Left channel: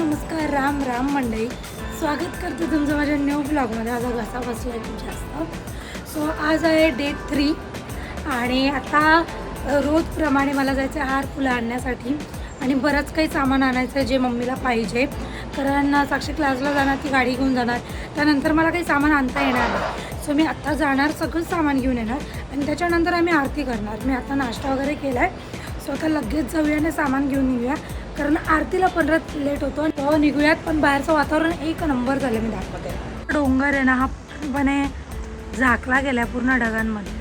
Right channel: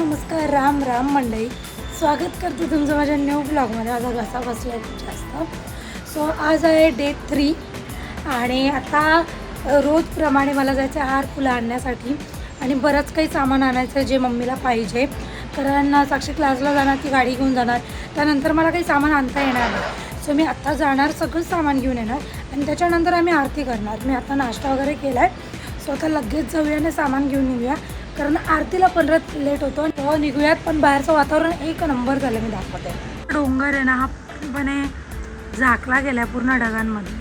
नमस्कार राम राम मंडई स्वागत करते तुमचं माझ्या न्यू ब्लॉगमध्ये माझा घसा बसला आहे खूप जास्त. सो आज आहे डे थ्री आणि आता रोजप्रमाणे मला जायचं आहे हार फुलं आणण्यासाठी आणि बरंच काही सामान आणायचं आहे जे मम्मीला पाहिजे. कारण साक्षी क्लासला जाणार ती गाडी घेऊन जाणार. त्यानंतर मला काही सामान आणता येणार नाही. सो मी आत्ता जाणार सगळं सामान घेऊन येणार आणि त्याच्यानंतर आम्ही आरती करणार. मी आता नाश्ता वगैरे केला आहे सो आता लगेच जाऊया आणि सामान घेऊन येऊया कारण आरतीला परत लेट होतो आणि तेव्हा निघूयात पण बाहेरचं वातावरण एक नंबर झालं मी दाखवते. डोंगर आहे ना हा पूर्णपणे झाकला गेलाय पूर्ण ढगांमध्ये.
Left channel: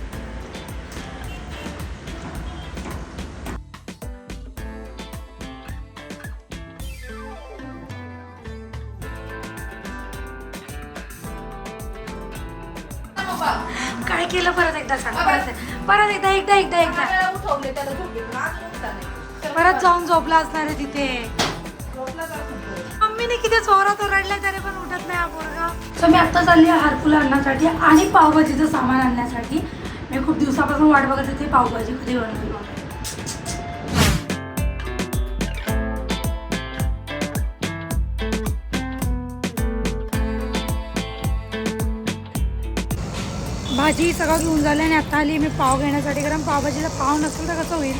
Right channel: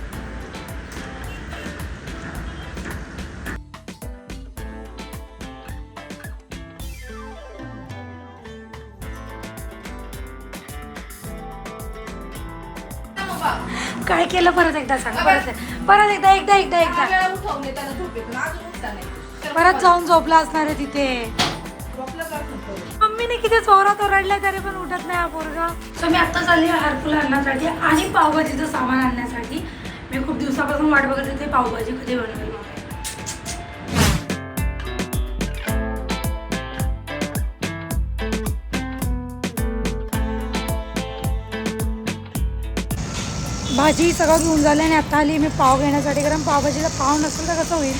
काय केलं परत एकदा सांग परत परत एकदा एकदा एकदा एकदा. परत जाऊन झोपला असणार आहे तिथे? मम्मीने किती चोरात रडल्या तरी पण उठत नाही हा पोरगा सो मी आता चालली आहे हारफुल आणण्यासाठी आणि पावभाजीचं सामान आणण्यासाठी मी खूप दिवसापासून वाट बघत होते पावभाजी कधी बनवेल. भाजी सगळं घेऊन झालं आणि आता आली मी पाव घेण्यासाठी कारण पावभाजीला पाव नसेल तर कसं होईल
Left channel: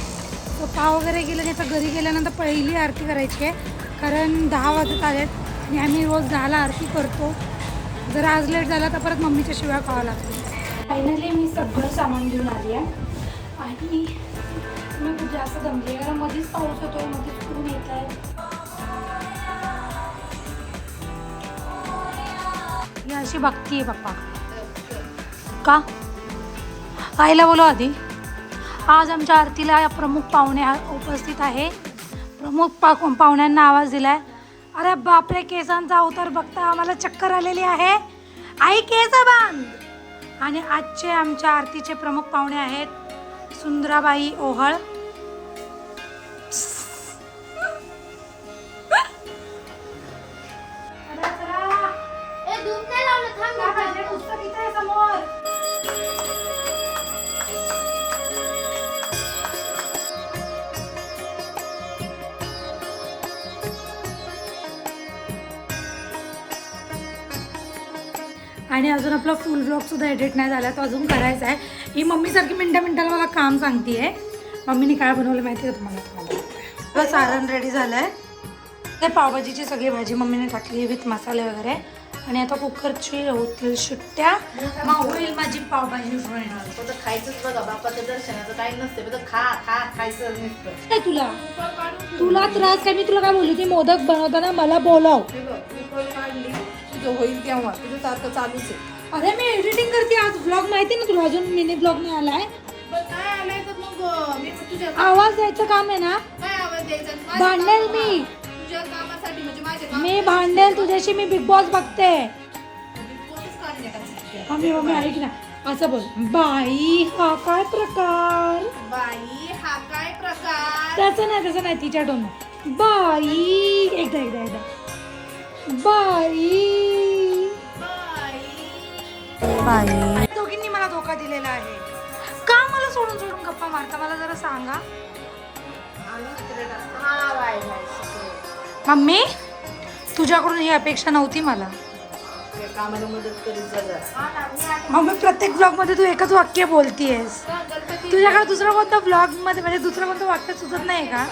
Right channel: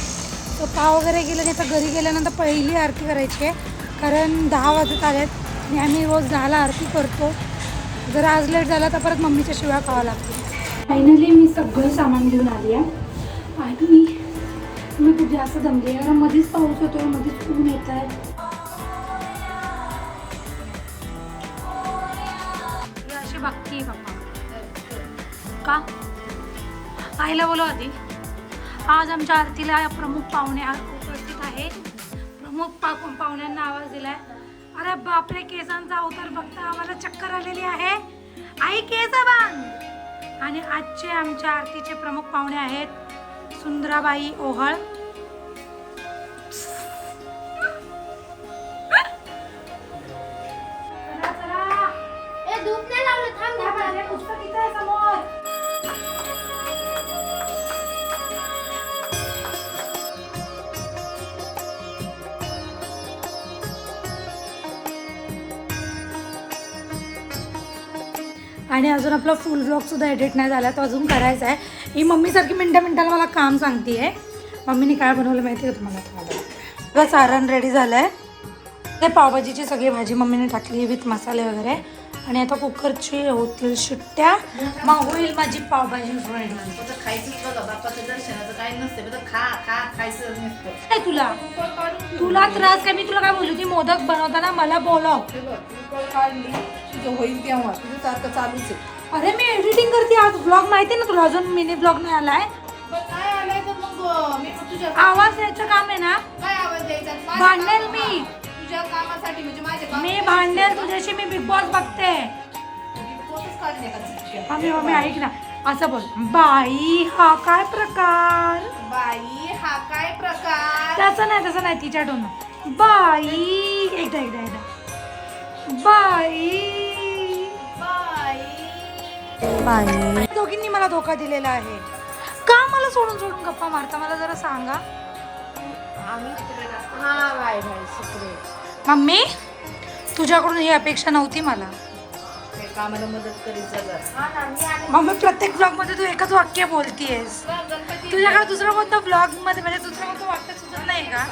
तर पाव वगैरे गेलं नाही तर घरी गेल्यानंतर पहिली आरती करायची आहे. कारण दहा वाजत आलेत आणि आम्ही रोज दहाला आरती करतो. जर आज लेट झाला तर परत मम्मीच्या शिवाय खावं लागते. फायनली मी सगळं सामान घेऊन आली आहे. आणि मी खूप जास्त जमले कारण मध्येच पाऊस होतो मध्येच ऊन येत आहे अशी बघतीये पप्पा का? आईला बोलो आधी. आज आमच्या आरतीला प्रमुख पाहुणे आ- उपस्थित आहे. प्रमुख पा पाहुण्यांना आवाज दिलाय. अरे बापरे केसांचा अवतार बघता आम्हाला चक्कर आलेली आहे. आई केस बांध आणि आजचे आमच्या आरतीचे प्रमुख पाहुणे आहेत सुंदराबाई ओहळ. आणि अजून आपला फुल ब्लॉग सुद्धा एडिट नाही झाला तो अजून करायचा आहे. ही मम्मीसारखी मिनट्या मिनटाला मला काम सांगते आहे मम्मीने काय बनवलं माहिती आहे का तुम्हाला? बघा सारण रेडी झालं आहे ते पावभाजीची सगळी भाजी मम्मीने टाकली विथ मसाले वगैरे. आणि आता कुकरची होतील शिट्ट्या. मग होईल माझी पावभाजी खायचंच बघा बापाचं दर्शनाचं काही नसते फक्त खा खा खायचं नसतं. काय तुला. तुला त्रास काय? मी तुला काय बोलली ती मोदक बनवताना मला बोलव. तुझं होईल तुझं सारखं चालूच आहे. अरे मी एडिटिंग करते आज. ब्लॉग माहिती आहे ना तुला? अजून मिनी ब्लॉग नाही आलाय. मग काय आलंय तर मग अं, मी तुझ्या आवाज द्यायचं काम आहे ना? काय आवाज द्यायचा? आणि माझ्या भांडेल मी. तुझ्या कामासाठी म्हणजे माझे काम मी भांडेल तुझ्याशी मी बिग बॉस बघते. चिठ्ठ्या. मम्मी मम्मी ऐक ना. असं बोल. बाई हा काय प्रकार? बाई हा काय प्रकार? तसं नाही तसं नाही तिच्या टोन बाई एकदा एकदा एकदा. बाई. बाई. दोघींनी मला धोका दिलेला आहे. का मला सोडून सोडून गप्पा मारता? मला जरा सांगा. मम्मी तुझ्याकडून ही अपेक्षा नव्हती मला. कामाला मदत करीत जा जरा. मम्मी प्रत्येक ब्लॉगमध्ये तू एकच वाक्य बोलतीयस. तुझ्याकडे दुसरं कोणतं ब्लॉगमध्ये म्हणजे दुसरं कोणतं वाक्य सुचत नाही का?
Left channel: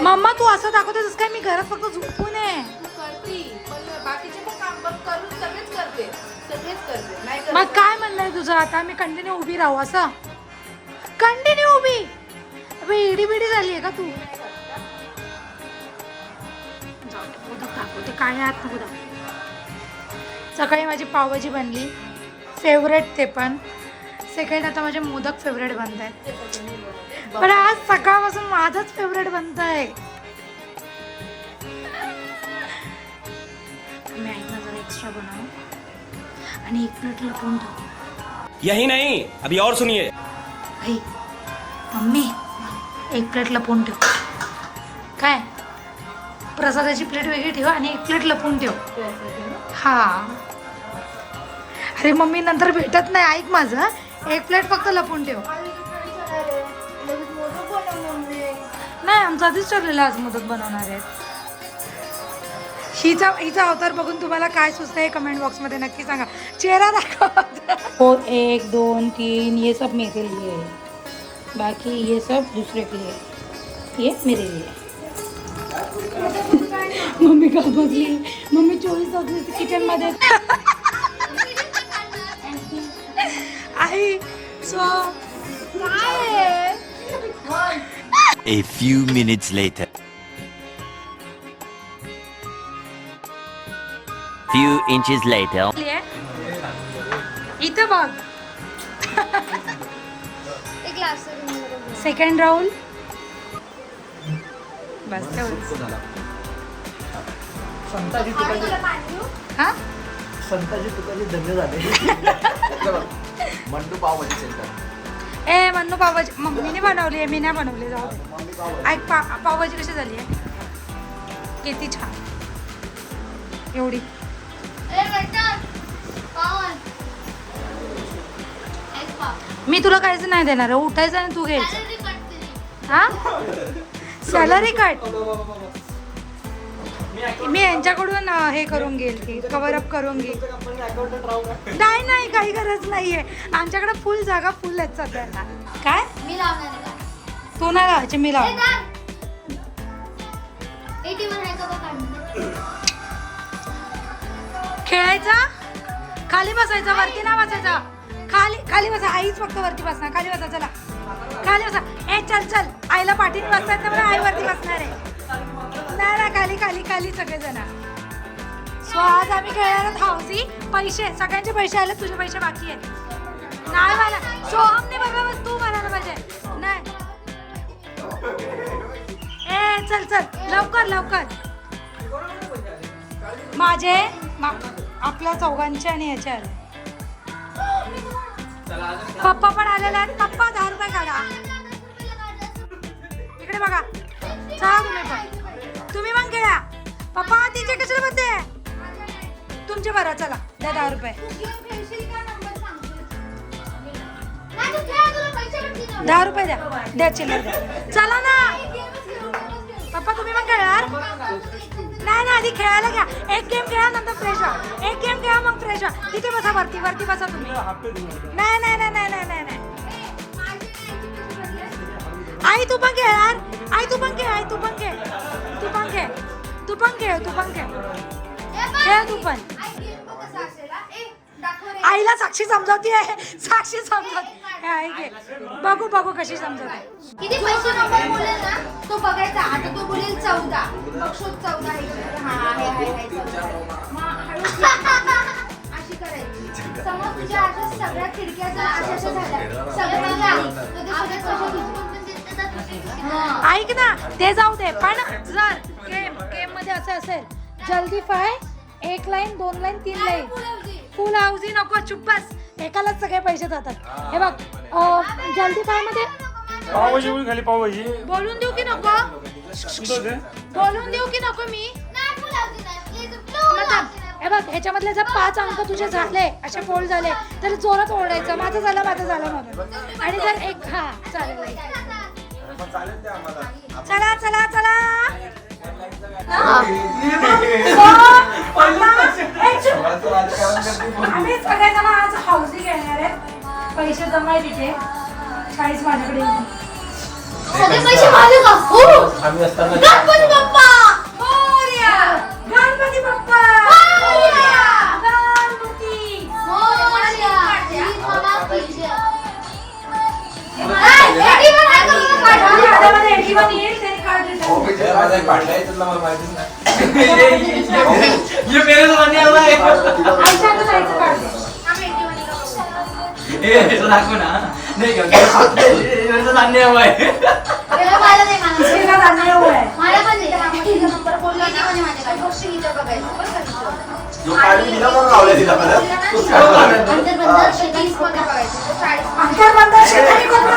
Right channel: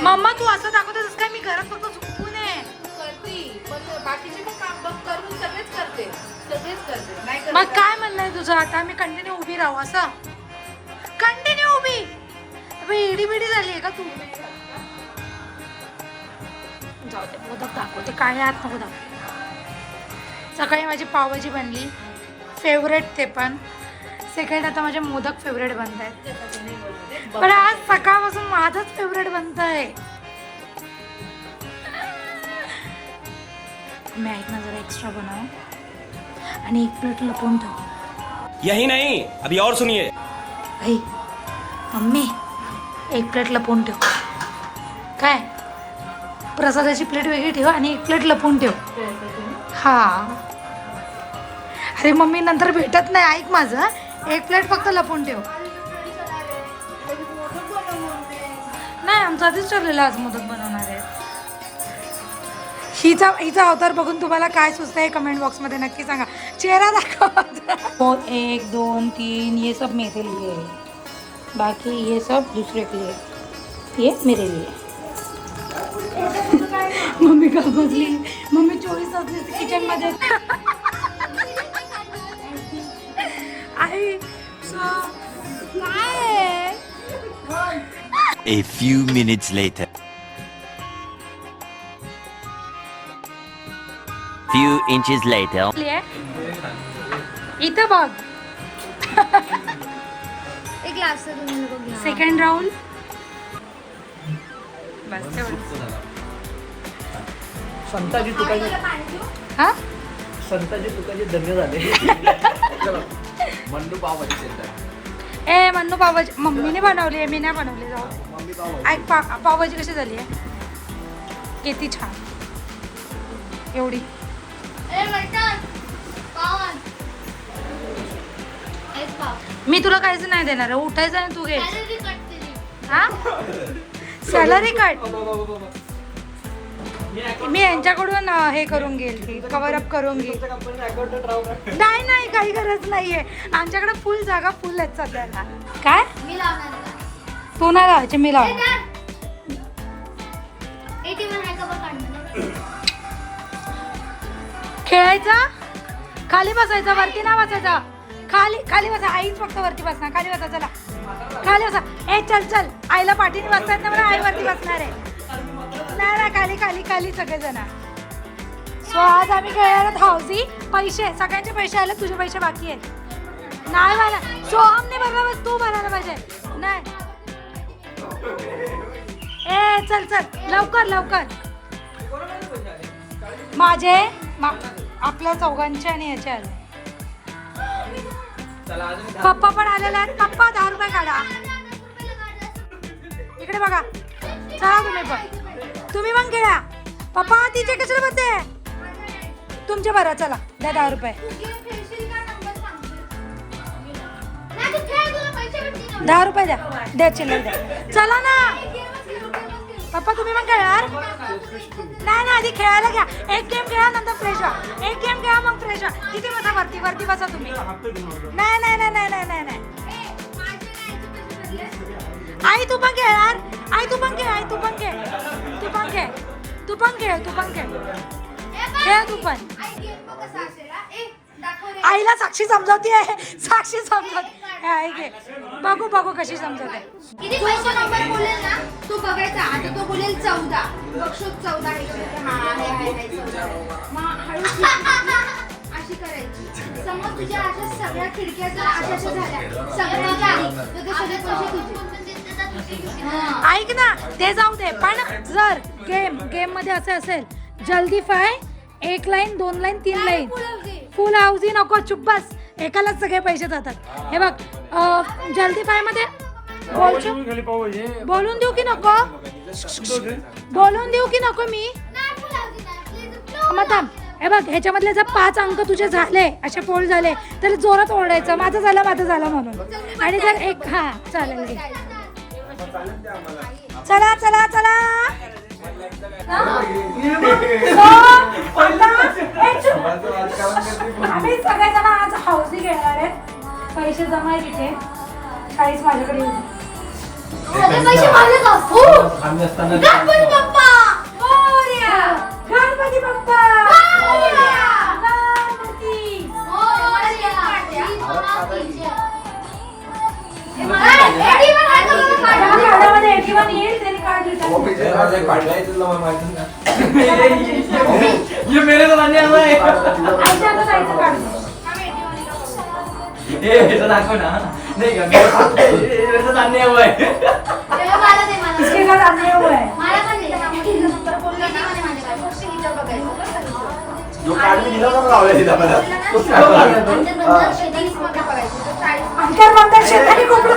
मम्मा तू असं दाखवतेस काय मी घरात फक्त झोपून आहे. बाकीचे पण काम बघ करून सगळेच करते. सगळेच करते. नाही करत मग काय म्हणलंय तुझं? आता मी कंटिन्यू उभी राहू असं? कंटिन्यू उभी? अबे, इडी बिडी झाली आहे का तू? जाऊ दे मोदक दाखवते. काय आत नको दाखव सकाळी माझी पावभाजी बनली. फेवरेट ते पण. सेकंड आता माझे मोदक फेवरेट बनत आहेत पण आज सकाळपासून माझंच फेवरेट बनत आहे मी ऐक ना जरा एक्स्ट्रा बनव. आणि एक प्लेट लपवून ठेव. यही नहीं अभी और सुनिए. आई मम्मी एक प्लेट लपवून ठेव. काय? प्रसादाची प्लेट वेगळी ठेव आणि एक प्लेट लपवून ठेव. हा. अरे मम्मी नंतर भेटत नाही. ऐक माझं एक प्लेट फक्त लपवून ठेव. नाही आमचं आधीच ठरलेलं आज मोदक बनवणार आहे. हिचा हिचा अवतार बघून तुम्हाला काय सुचतंय कमेंट बॉक्समध्ये नक्की सांगा. चेहरा दाखवा. हो एक दोन तीन ये सब मेरे लिए. है बाकी ये सब दूसरे के लिए. ये मेरे लिए. मम्मी का बसली मम्मी चोवीस तास किचनमध्ये आई so A few minutes later. Few inches later. इथं बघ सेकंड राऊंड बस तेवढं संताजी तुकाजी हा? संताजी तुकाजी धन्य झाले. मंडू पाव भाजी सेंटर. ए मन्नू पावभाजी मम्मीने बनवली आहे मी नाही बनवली जाऊ ऐक पा पावभाजी कशी झाली आहे? किती छान. एवढी. मी तुला काहीच नाही देणार आहे उठायचं आणि तू घे. सॅलरी कट केली. हा? सॅलरी कट मी यांच्याकडून हे करून घेईल कवर अप करून घेईल. का नाही नाही काही गरज नाहीये. आमच्याकडे फुल जागा फुल आहेत सध्याला. काय? मी लावणार आहे का? तू नाही लावायचे मी लावणार. का खेळायचा? खाली बसायचा वरती नाही बसायचा. खाली खाली बसा. आईच फक्त वरती बसणार. खाली बसा चला. खाली बसा. ए चल चल. आईला पाठीने बसतात ना मला आई वरती बसणार आहे. नाही ना खाली खाली खाली सगळेजण. सो आज आम्ही खेळणार आहोत हाऊसी पैसे सगळ्यांचे पैसे आले तुझे पैसे बाकी आहेत. नाही मला. सोहमने बरोबर बस तू बनायला पाहिजे. नाही. ए चल चल. लवकर लवकर. माझे मा- आपल्या चौघांचे आणि ह्याचे आले. पप्पा पण आलेले आहेत. पप्पा दहा रुपये काढा. इकडे बघा. चला तुम्ही पण. तुम्ही पण खेळा. पप्पा तिचे कशाला बघते तुमचे बरं चला. द्या दहा रुपये. दहा रुपये द्या. द्या चिल्लर द्या. चला ना. पप्पा तुम्ही मग खेळणार? नाही ना आधी खेळायला घ्या. एक गेम खेळा नंतर फ्रेश व्हा एक गेम खेळा मग फ्रेश व्हा किती बसा वरती वरती बसा तुम्ही. नाही नाही नाही नाही नाही नाही नाही. आई तू पण खेळ यार. आई तू पण खेळ आई तू पण खेळ. तू पण खेळ. तू पण खेळ तू पण खेळ. बघ. खेळ तू पण. हा. आईला साक्षी समजावती आहे साक्षी समजावती. हे घे. बघू बघू कशी समजवते किती पैसे नंबर बोलेल ना तो बघायचा. आता तो बोलेल चौदा. चौदा आहे. का? हा आहे आहे आहे चौदा आहे. मग हळू अशी करायची. समज तुझ्या अशा सगळ्या खिडक्या जर अशा अशा झाल्या. सगळ्यांच्या आधी तर ते सगळे पैसे तुझे. ऐक ना ते जाऊ दे. पण जर गेम गेममध्ये असं असेल जल्दी फाय एक लाईन दोन लाईन तीन लाईन फुल हाऊसी नको चुप बस. एकालाच सगळे पैसे जातात. हे बघ अं, जल्दी फायमध्ये बोलून- खाली पावभाजी बोलून देऊ की नको? बोलून देऊ की नको मी? मग थांब हे बघ ह्याच्यामधले जर पाच अंक तुझे झाले असे पोळ झाले तर जोरात ओरडायचं. माझं झालं माझं झालं म्हणून. आणि जर एक हा चालेल. चला चला चला. आम्ही सगळेजण आज हाऊसी घेणार आहेत. पैसे जमा तिथे. चाळीस माझ्याकडे येऊन. सगळे पैसे माझे का? हो. आम्ही असताना गणपती बाप्पा! मोरया! गणपती बाप्पा! मोरया! गणपती! मोरया! ही बाबा तुझ्या. नाही, एटी वन आहे का बघा माझ्या काढून? हातामध्ये 81 येईल. ये मेरे तो है एटी वन आहे का ए ऐसा दाखव ना नहीं क्या मेरे ये मेरे तो. श्रीनाथ अन्याय आहे. बरं का? जो काढून दिला बघा लावलाय तिला मला काढून. तो चाळीस अंतर बंद शेजारी कोपरा.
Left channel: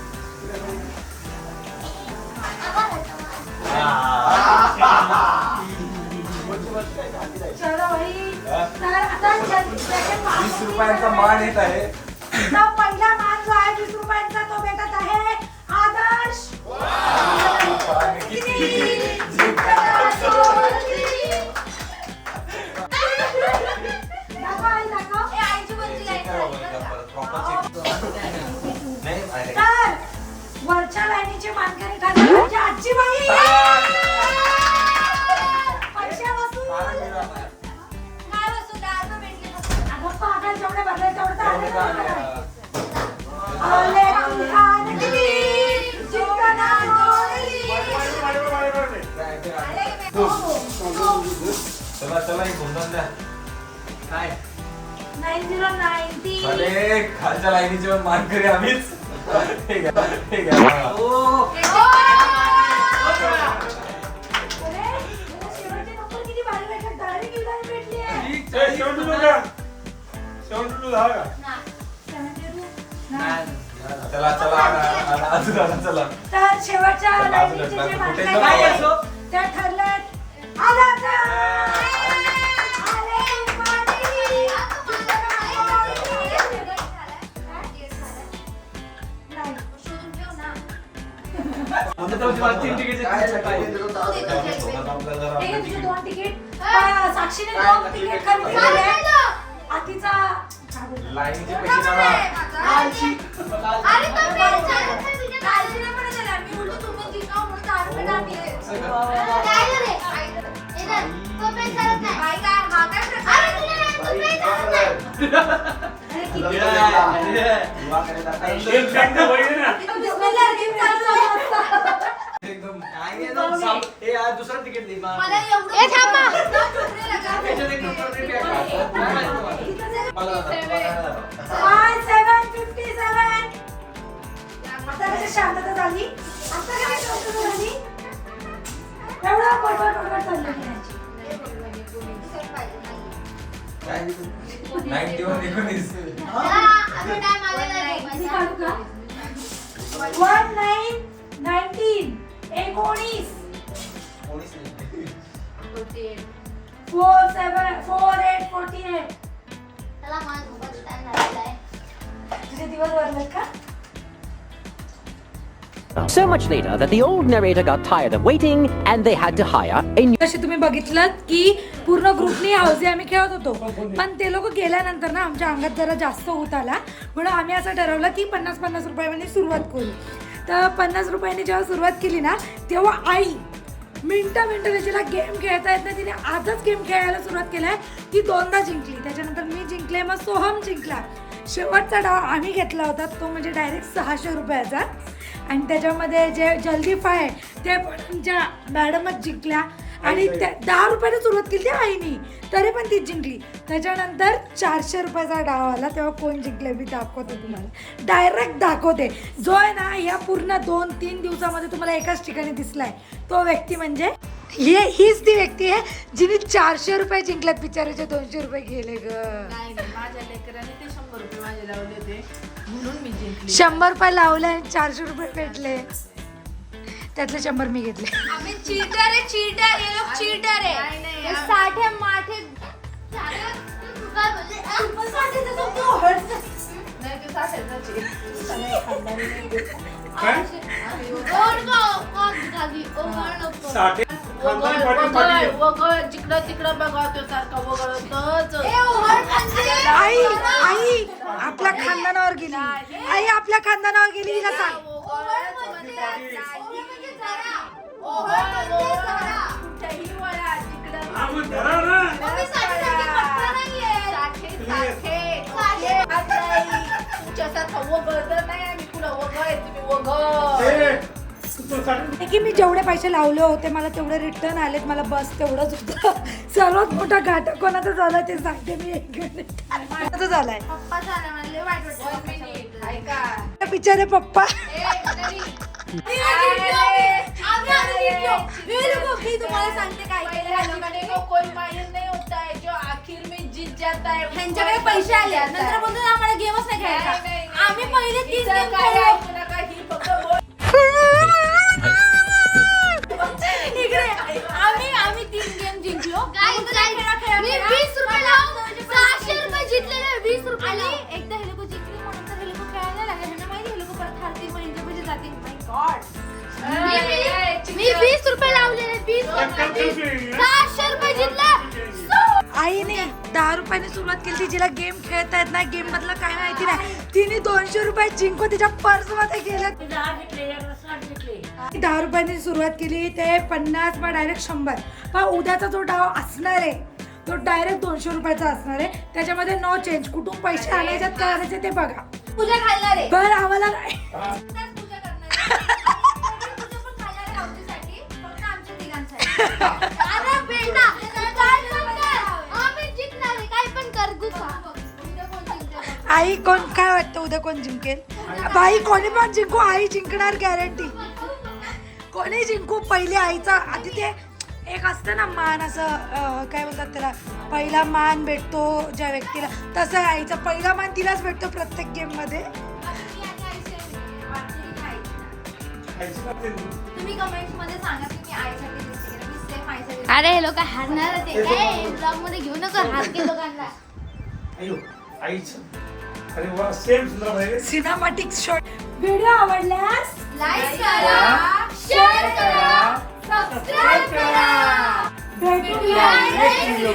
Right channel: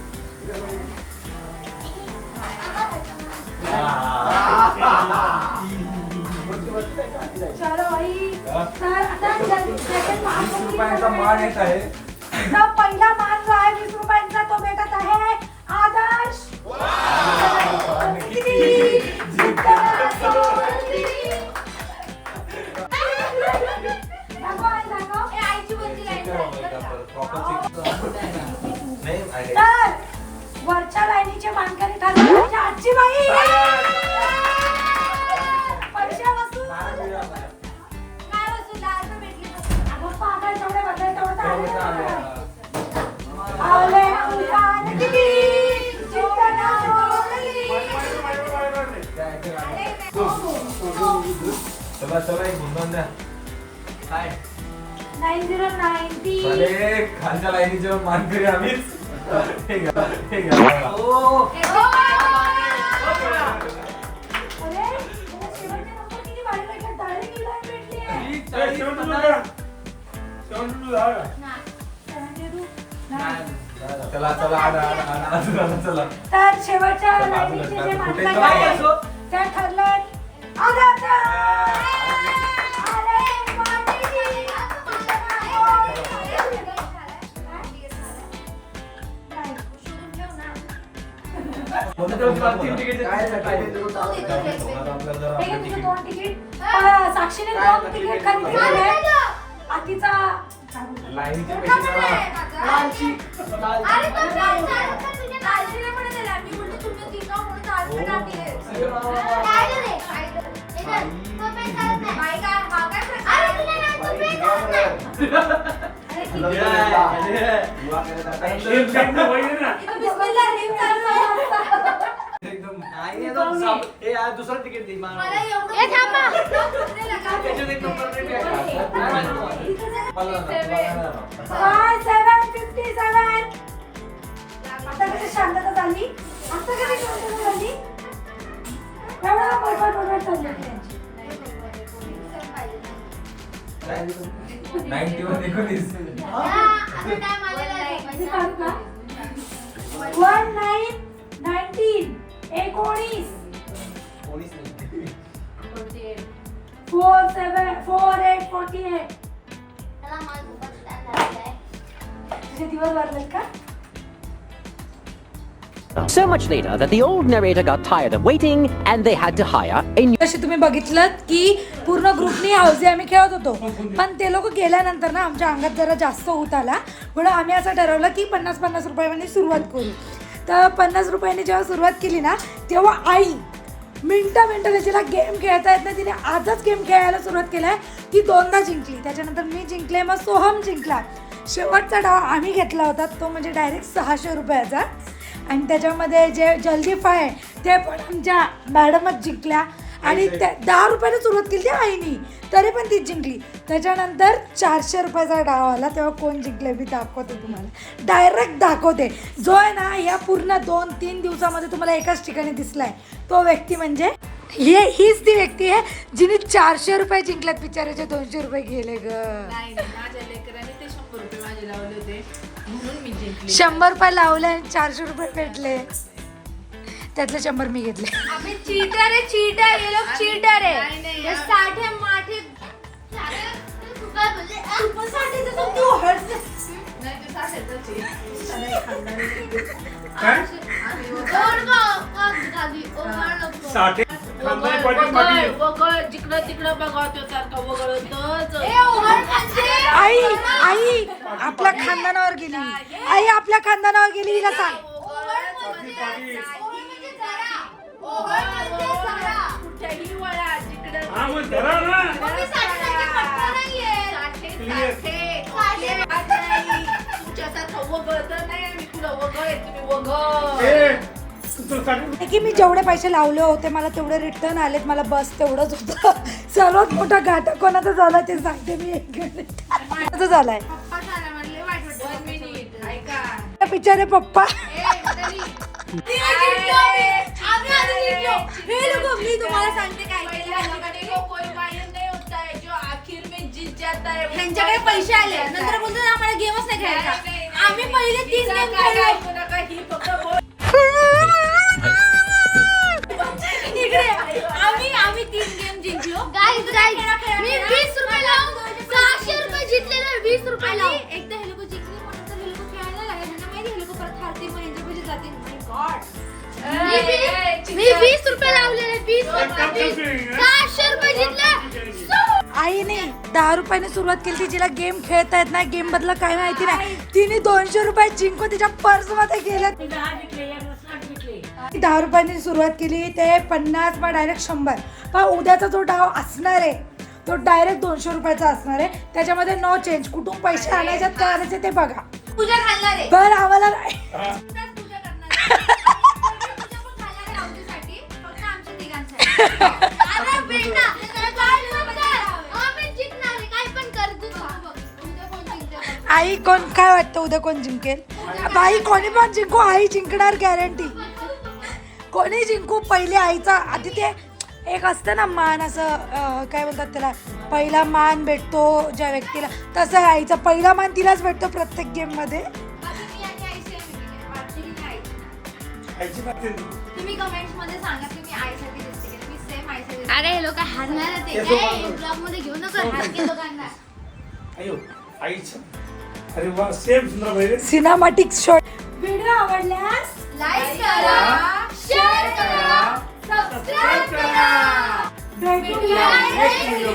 चलो. तर आता वीस रुपयांचा मान येत आहे पहिला मान जो आहे वीस रुपयांचा तो भेटत चला चला एक गुंतवून द्या. काय? 9090. अरे खालच्या लाईनीचे पण मानकरी आम्हीच. हे घ्या घ्या. ओ. चला चला आला, अजून चला तर शेवटच्या चला, लाईनीचे जे मानकरी आहेत, आदर्श. दोन तिकीट साक्षीने दोन तिकीट खरेदी केले आतीचा. अरे साप- हे आज दुसरं तिकीट नाही मग. मला एवढं पुढे लगा. त्याच्यात एक नंबर नाही काय. बघा ना, बघा ना. Five, seven, fifty seven. आता कशी शांतता झाली आता कशी शांतता झाली एवढा बडबड बडबड चालली होती त्यांची. काय नाईन्टी वन एकोणीस. किती काढू का वन नाईन नाईन्टीन एकोणीस. Four seven four eight forty eight. त्याला माझा. तुझे दिवस का? So much later that the old narrator got tired of waiting and they had to hire a new. जसे तुम्ही बघितलं की पूर्ण ग्रुपनी हाऊसी आम्ही खेळत होतो. पण ते लोक गेल्यानंतर ना आमच्या अंगात जरा जास्त होत आला. म्हणून आम्ही असं ठरवलं की पन्नास पन्नास रुपयाने सुरुवात करू. तर पन्नास रुपयाने जेव्हा सुरुवात केली ना तेव्हा आई मिनटं मिनटं तिला गेम खेळता येत नाही. तिने आजच गेम खेळायला सुरुवात केलाय. ती दोनदा जिंकली. त्याच्यानंतर मी जिंकले मग सोहम जिंकला. शेवटचा डाव आम्ही घेतला होता. तो म्हणजे डायरेक्ट सहाशे रुपयाचा. आणि त्याच्यामध्ये जे जल्दी फाय ते पण आमच्या मॅडमच जिंकल्या. आणि त्या दहा रुपयाने सुरुवात केली त्या आईनी. तरी पण ती जिंकली. त्याच्यानंतर चारशे रुपयाचा डाव आला तेव्हा कोण जिंकले मी दाखवते तुम्हाला. डायरेक्ट दाखवते. जो आहे ना या पूर्ण दोन तीन दिवसामध्ये तुम्हाला एकाच ठिकाणी दिसलाय. तो व्यक्ती म्हणजे ही हीच ती व्यक्ती आहे जिने चारशे रुपये जिंकल्यात बिचाराचे दोनशे रुपये गेले ग. नाही नाही, माझ्या लेकराने ते शंभर रुपये माझे लावले होते. म्हणून मी जिंकली. शंभर रुपये लावले आणि चारशे रुपये भेटले. त्यातले शंभर मी घेतले. आम्ही चीटर आहे चीटर हे लोक चीटर आहे. हे साठे माठे काय? साठे. जिकडं तिकडं सारखा वगळतच. म्हणजे? आई आई आपल्या खानदानावर गेली. आई आपल्या खानदानावर गेली हिला सांग म्हणजे- ओढ म्हणजे जरा. ओढ म्हणजे जरा. कुठेही वळा, हे की मी जेवढे पैसे लावले होते मला तेवढे रिटर्न आलेत मला बस तेवढंच होतं सर्वात मोठा घाटा कोणाचा झाला ते सांगते मी एक झालाय? बिचारे पप्पा. हे है है ह्यांच्याकडे पैसे आले नंतर बोलतो आम्हाला गेमच नाही खेळायचा. आम्ही पहिले तीन गेम खेळलो. इकडे आम्ही आम्ही आईने दहा रुपयाने सुरुवात केली जिला गेम खेळता येत नाही गेम बदला काय माहिती नाही. तिने दोनशे रुपये जिंकून तिच्या पर्समध्ये गेलं. दहा रुपयाने सुरुवात केली ते पन्नास मग डायरेक्ट शंभर. पण उद्याचा जो डाव असणार आहे तो डायरेक्ट दोनशे रुपयाचा असणार आहे. त्याच्यामध्ये नो चेंज कुठून पैसे आणायच्यात काय आणायचे ते बघा. पण आम्हाला आई कोण काय वाटतं उद्या कोण जिंकेल? बाई कोणी पण जिंकू आई जिंकणार गॅरंटी कोणी जिंकू पहिले आईचा आधी ते एक असतं ना मान असं काय बोलतात त्याला? पहिला मान भेटतो ज्या व्यक्तीला. तसं आईचा पहिला मान तिलाच भेटतो प्रत्येक गेममध्ये. आता मी आणि आईशी आहे वाटते की नाही? तुम्ही कमेंट्समध्ये सांगा तुम्ही आईसाठी अरे हे लोक हारणार ते ब्लॉगमध्ये घेऊ नका हारके लोकांना अयो अरे वा सेम सुंदर सिनेमॅटिक शॉट व्हिडिओ आवडल्यास लाईक करा शेअर करा सबस्क्राईब करा. भेटूया नेक्स्ट व्हिडिओ